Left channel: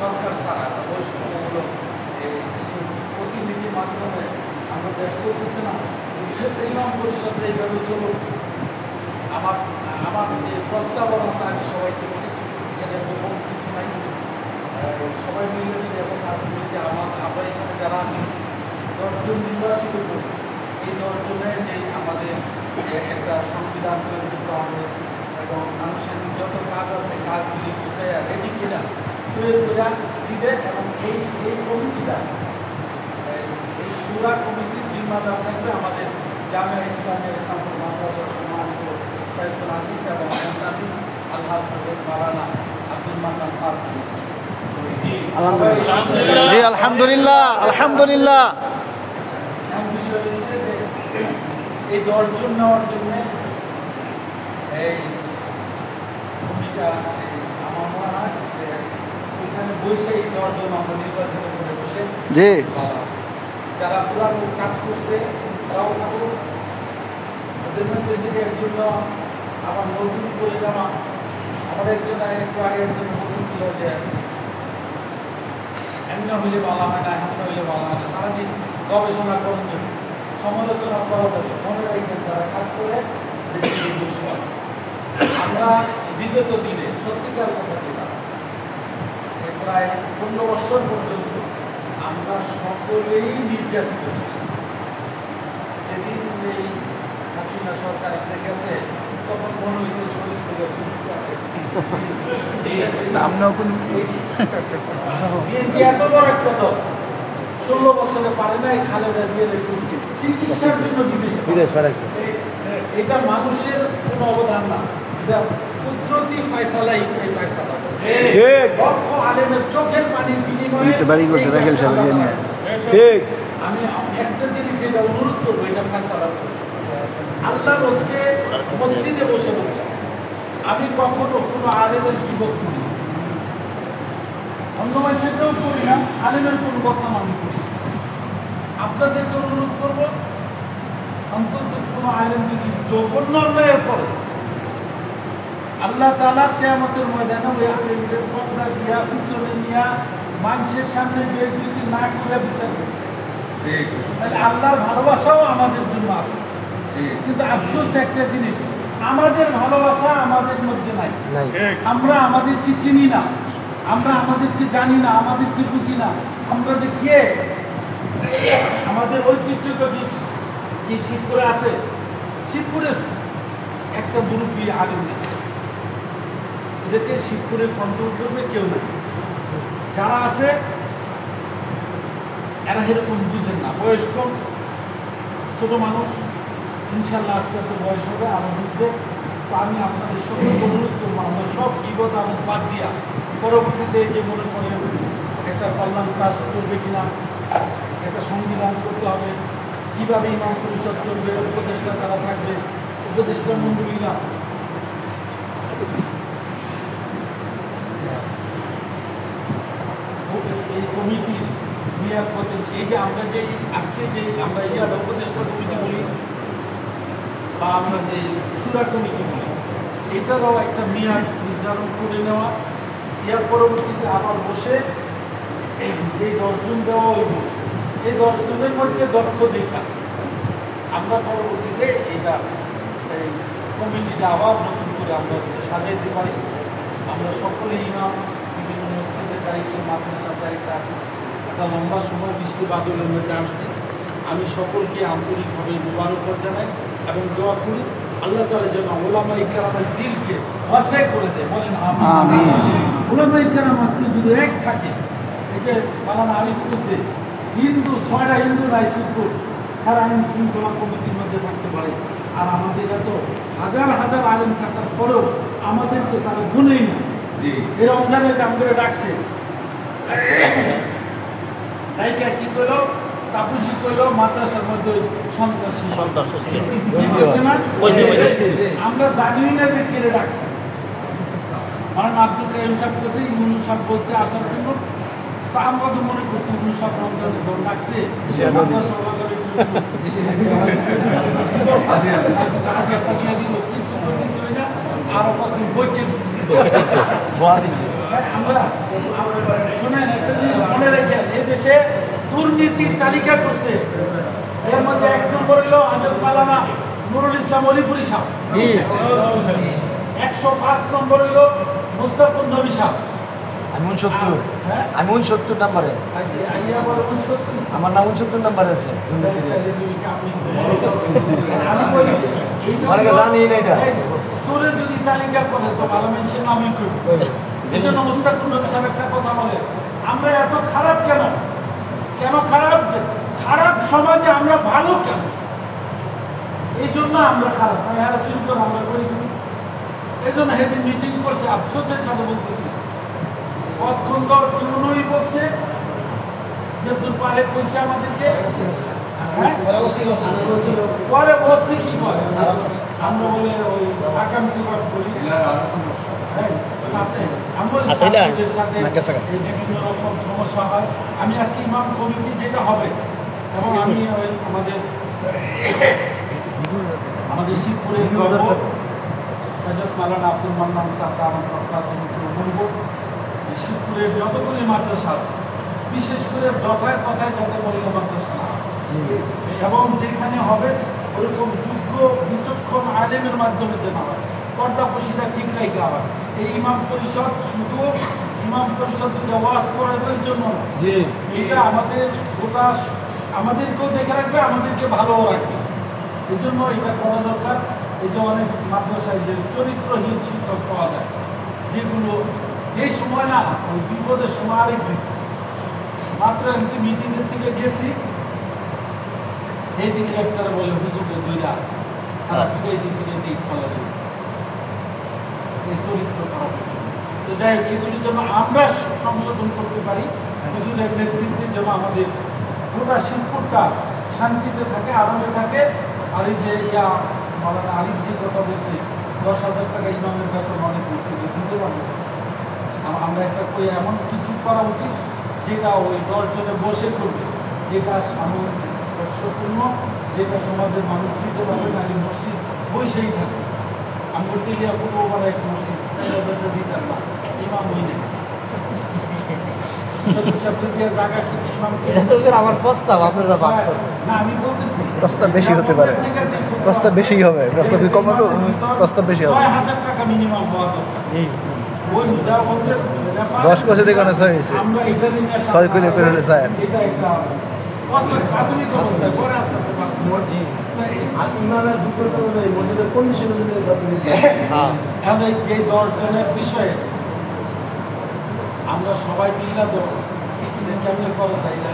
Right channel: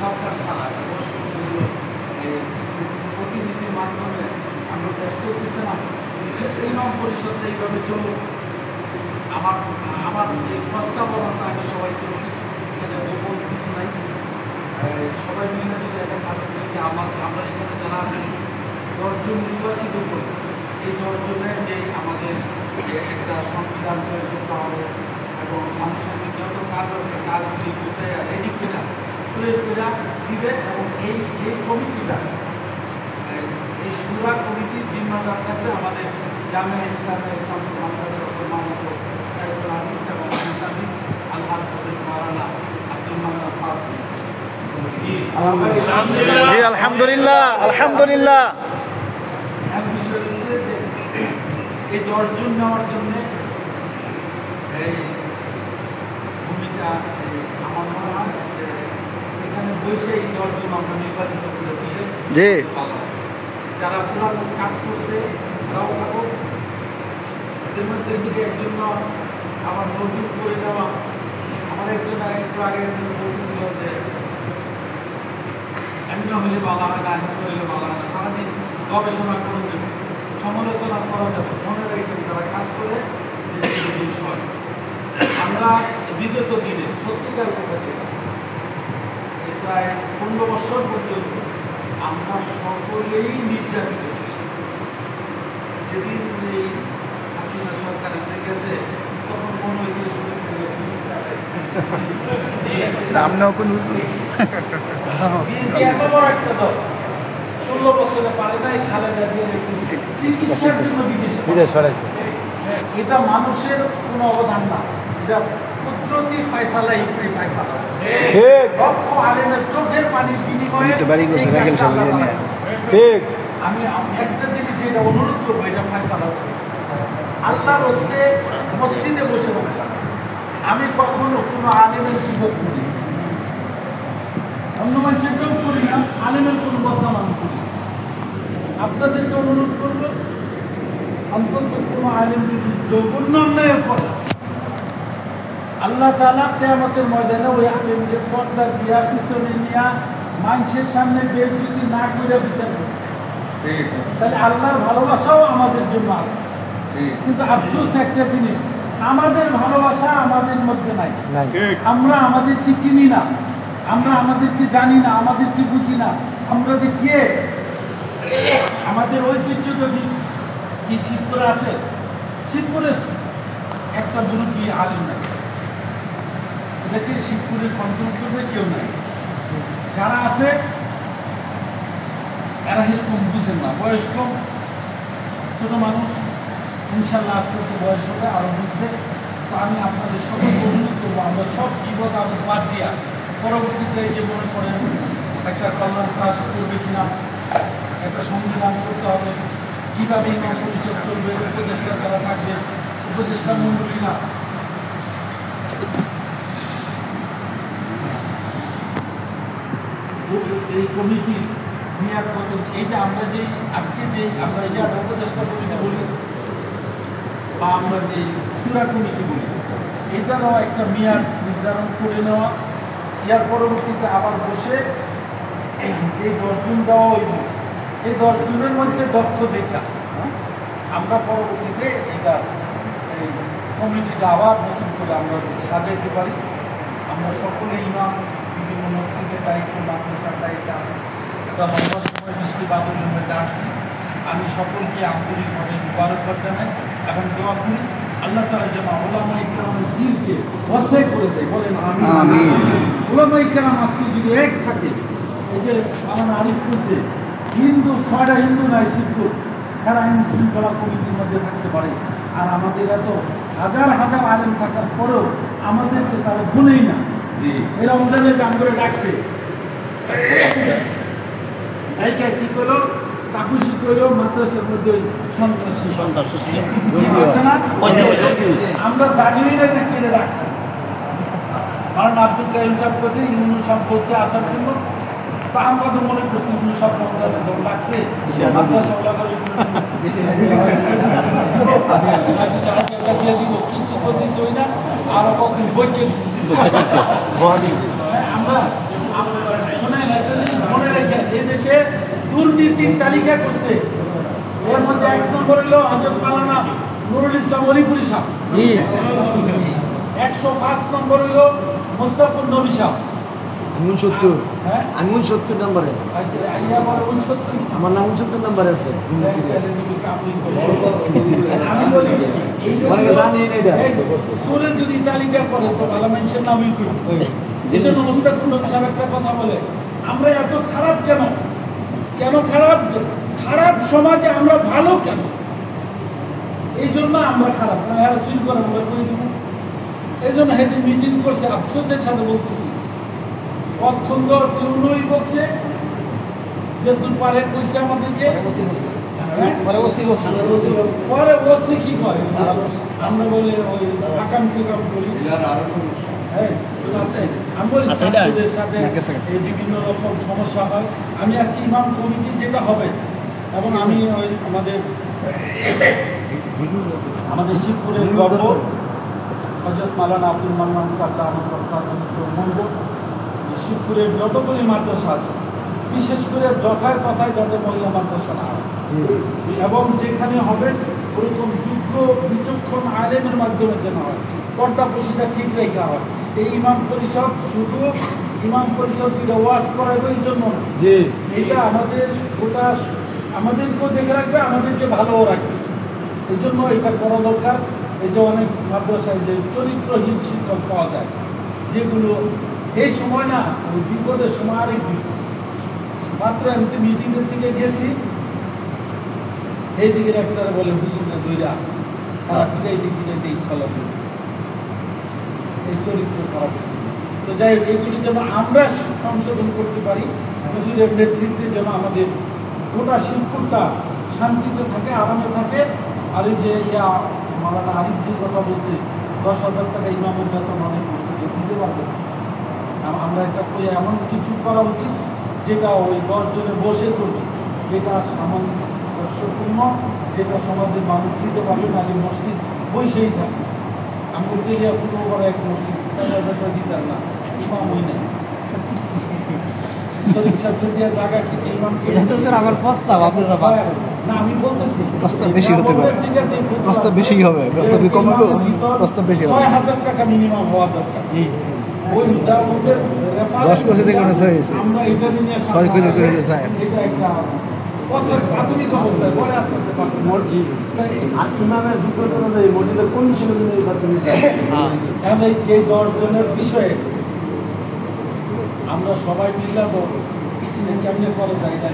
সরকার ছাড়া বৈষম্যমূলক কিছু প্রতিনিধির মাধ্যমে আমরা করতেছে না, ইমাম পরিষদের এইভাবে চলুন। আমার এই প্রস্তাবনাটা আমি সবাইকে বলি, এখানে গোপন কিছু নাই, সবাই মিলে যদি এখন কাজে দেখি আমরা এখানে যারা আছেন 10 জন নির্বাচিত করি, এই 10 জনের যে আমাদের একটা সংবিধান তৈরি করতে হবে এবং আনুষ্ঠানিক যত কাজ আছে কাজগুলি গোছায় রেডি কিনা প্রয়োগ করা দিবে। এবং এই কমিটিটা, এই সুরা কমিটির জিম্মাদার থাকবে আমাদের জামিয়া ইসলামে ইসলামপুর মাদ্রাসার সম্মানিত সাইফুল হাদিস এবং মুফতি আলহাজ হযরত মাওলানা আব্দুল মান্নান ফাজল। আলহামদুলিল্লাহ আলহামদুলিল্লাহ। বিষয় হচ্ছে যে এই 10 জন নেওয়ার জন্য এই ভূমিকা আমার মনে হয় এখানে বসে এই 10 জন আমরা নির্বাচিত করে দিলে জি, যারা পুরানো কাজ করছে তারাও থাকুক, ওদের মধ্যে যদি একজন আমার নতুন করে যাওয়া, আমার একজন একটু আগে একজন বলতেছিল যে অন্য হলে বলা হয় না, অন্য হলে বলা হয় না, সারাদিন গবেষণা করুন যাবে, সমালোচনা করা যাবে, মনে রাখবেন তারা কাজ করে বিষয়। আমরা বিগত দিনে সত্যিকার কথা যেটা প্রায় 15 বছর পর্যন্ত আমরা সকলেই নির্যাতিত ছিলাম। যেদিন এই হাসিনা সরকার গেছে তখন মনে হয়েছিল এত বড় একটা দল 16 বছরে পারে নাই খালেদা জিয়া চিকিৎসার জন্য বিদেশ পাঠাইছে। এটা মানুষের কোনো অবদান না, এটা কুদরতি ফয়সালা, এই ফয়সালা লক্ষ আলেমের চোখের পানির বিনিময়ে। আমি একটা জিনিস যেটা অনুরোধ করবো, এটা ফয়সালা আল্লাহর হস্তে মসজিদে বসে বসে আমি কখনো কোনো আলেমের বিরোধ করি, অন্য মানুষেরটাও করি না, আলেমের কোনো বদনাম আমি করি। আপনাদেরকে অনুরোধ করবো, অন্তত কোনো আলেম যদি জঘন্য অন্যায়ের পরে আল্লাহ তাআলা কিয়ামতের ময়দানে ওই আলেমের পর্দা দিয়া পিছনে নিয়া মানুষের সামনে বেইজ্জতি না করে বিচার করবে। তাহলে আল্লাহর ভালোবাসাও আমাদের জন্য আছে। কিন্তু আফসোস একটা জিনিস, আমাদের ভালোবাসা আমাদের মধ্যে নাই। আমরা আমাদেরকে চিনি না, আমরা আমাদেরকে জানি না, আমাদেরকে বুঝি না, আমরা যে কে, আমাদের ঐতিহ্যটা কি শিবপুরে আছে? শিবপুরে একটা মুরব্বী আলিম নাই, এটাকে শিবপুরে কন্ট্রোল করবে কেউ নাই। যারা আছে এরা এরকম বুঝেন না, বয়স কম, ছোট মানুষ, ইনশাল্লাহ আস্তে আস্তে বয়স হবে, আরো বুঝবে। তো আমি আপনাদের সকল অনুরোধ করবো, আমরা সব বিপদ আবেদ বাদ দিয়া পরবর্তীতে যে মনে করেন একটা কল্যাণ কাজ করবে কিনা, একটা সংবিধান করতে হবে, কিভাবে ইমাম পরিষদ চলবে, উপদেষ্টা তারা থাকবে, উপদেষ্টা মন্ডলীরা এই কমিটির মেয়াদ কত, এই যে আমরা যে আজকে যে আমরা এই যে উপদেষ্টা কমিটি বলি বা আমরা যে সুরা কমিটি বলি, এটারও একটা মেয়াদ নির্ধারণ করে নেওয়া, ইয়ার পরবর্তীতে আবার বসে এই 10 জন দেওয়া হইব, এই 10 জনের মধ্যে দক্ষ দেখা আমরা পরবর্তীতে এটা এই কমিটিটা আবার নতুন করে আমরা সাজাইতে পারি। আমরা সকলে ইমাম বিভিন্ন মসজিদের দায়িত্বে, মাদ্রাসার দায়িত্বে আছে, একটা লম্বা সময় বৃষ্টি বাদলের মধ্যে আসছি। আমি সকলকে আন্তরিকভাবে মুবারকবাদ জানাই এবং দোয়া করি আল্লাহ তাআলা যেন ওলামায়ে কেরামের দিলকে ওয়াসি করে দেয়, বলেন আমিন। ওলামায়ে কেরাম আজকে যদি এক থাকে, এই যে মাওলানা আরিফ বলছে হিন্দু 6টা হিন্দু নাই শিবপুর, তারা আইন শৃঙ্খলা কমিটির মধ্যে থাকতে পারে। আর আমাদের এত হাজার হাজার আলেম থাকার পরেও আমাদেরকে তারা গুনেই না। এই রমজানে কাম করে রাখছে, রাইকা কি করলো, তাপুসি করলো মাদ্রাসার মধ্যে ওই সন্ত্রাসী আমরা জানি না যে কেড়ে রাখছে। কারণ আব্দুল কাইম সাহেব করছে, ইউনুস সাহেব বলছে আসার জন্য, তা আমরা তো মনে করছি ইউনুস সাহেব রমজানে যখন রাখছে মাদ্রাসা দিয়ে দিব, কিছু করতেছি ওই না, আরো কতদিন বইকে আমরা দুর্নীতির তালিকা করছে, এর মধ্যে 1 নম্বর হলো হযরত মাওলানা নুরুল ইসলাম অলিপুরি সাহেব, 105 নম্বর হলো মুস্তাফুর নবী সাহেব। আমি 69, হ্যাঁ আমি 69 নম্বরে, আইয়া বড় 69 আমার নাম 69 নম্বরে আছে। আমি বলি অনেকে জানি না এটা। সুরে যদি তালিকা করে তো ভালো মানুষের নামই কি, এই জন্য মুস্তাফুর নবী সাহেব একটা কথা বলে, আমরা এত খারাপ কেন? কেন খারাপ? খারাপ সমাজে আমরা ভালো কেন? এই জন্য আমরা খারাপ, আমরা করে দিব। এই জন্য সেদিন মিটিং করছে, আফসোসের সাথে বলতেছি, অক্ষুণ্ণ চূর্ণই বলছে যে দূর পারে কইছে আমাদেরকে, পরে বসে কি করে আমরা বলে ওই আকাঙ্ক্ষী করি, ছাত্রদের সাথে এই বিভিন্ন রকম সমস্যা হয়। আমি আজকে ইমাম কমিটি যেটা হবে, এবং আমি ওই আমাদের শিবপুরের গর্ব হযরত মাওলানা আব্দুল মান্নান সাহেব আমার মনব, শিবপুরের যতগুলি মাদ্রাসা আছে বিশেষ করে যথায় কথায় যাতে মহিলা মাদ্রাসা না হয়, এবং যেখানে হবে ওরকম যোগ্য বিচক্ষণ আলেমের মাধ্যমে যেন হয়, পর্দা প্রসিদা ঠিক রেখে হয়। এই ইমাম পরিষদ শুধু ইমাম পরিষদ ওয়াজ করানোর জন্য না, এটা আমাদের আমাদেরকেও দেখে রাখবে, আমাদেরকে ভালোও রাখবে। এই জন্য এটা করা দরকার। এই যে অনেক মাদ্রাসায় যে চরিত্রহীন শিক্ষক পাওয়া যায়, যেগুলো এই সময় না, ওই বিপদের সময় আরেক বিপদ। মাত্র আমি তো মিটিংয়ের দিকে গেছি, এই দিকের একটা বলে হুজুরের দুইটা খারাপ, এই দিকে এই চরিত্র খারাপ। তো যাই হোক, এগুলি যেন আমরা সংশোধন করতে পারি, হুজুরের নেতৃত্বে যেন আমাদের গোটা শিল্পটা শান্তিতে থাকে, আরামে থাকে। আর এই যে মাওলানা আলিফ যে কথা বলছে, 10,000 টাকা ইমামের বেতন অনেক মসজিদে দিতে পারবে। আমরা একটা করে এমন কিছু করা উচিত যেটা ওই 10 জনে বসে করবে, যেটা সামঞ্জস্যপূর্ণ, যেটা সমাজের মানুষ দিতে পারবে না। এই মসজিদ বসেই থাকে। আমরা এরিয়া কোনো ওভার এক মসজিদ 4,000 টাকা দিতাম না, ইমাম হই নেই। আমার প্রস্তাব আপনারা না, আমি বলতেছি প্রস্তাব বেশি হতে পারে, প্রস্তাব বেশি হবে, প্রস্তাব কম হবে, প্রস্তাব বেশি হবে। 6,000 টাকা মিনিমাম হওয়া দরকার। ওই মিলামতের 10 বছর থেকে 6 গেছে, আমরা এটা নিয়ে 6 করে বেরোলে স্যার এটা একটা কত আধুনিক অবস্থায় পরে আস্তে আস্তে মসজিদ মসজিদের কন্ডিশন এখন এই 10 জনের বিষয়ে আমরা সবাই মিললে তো কেমনে করা যায় এটা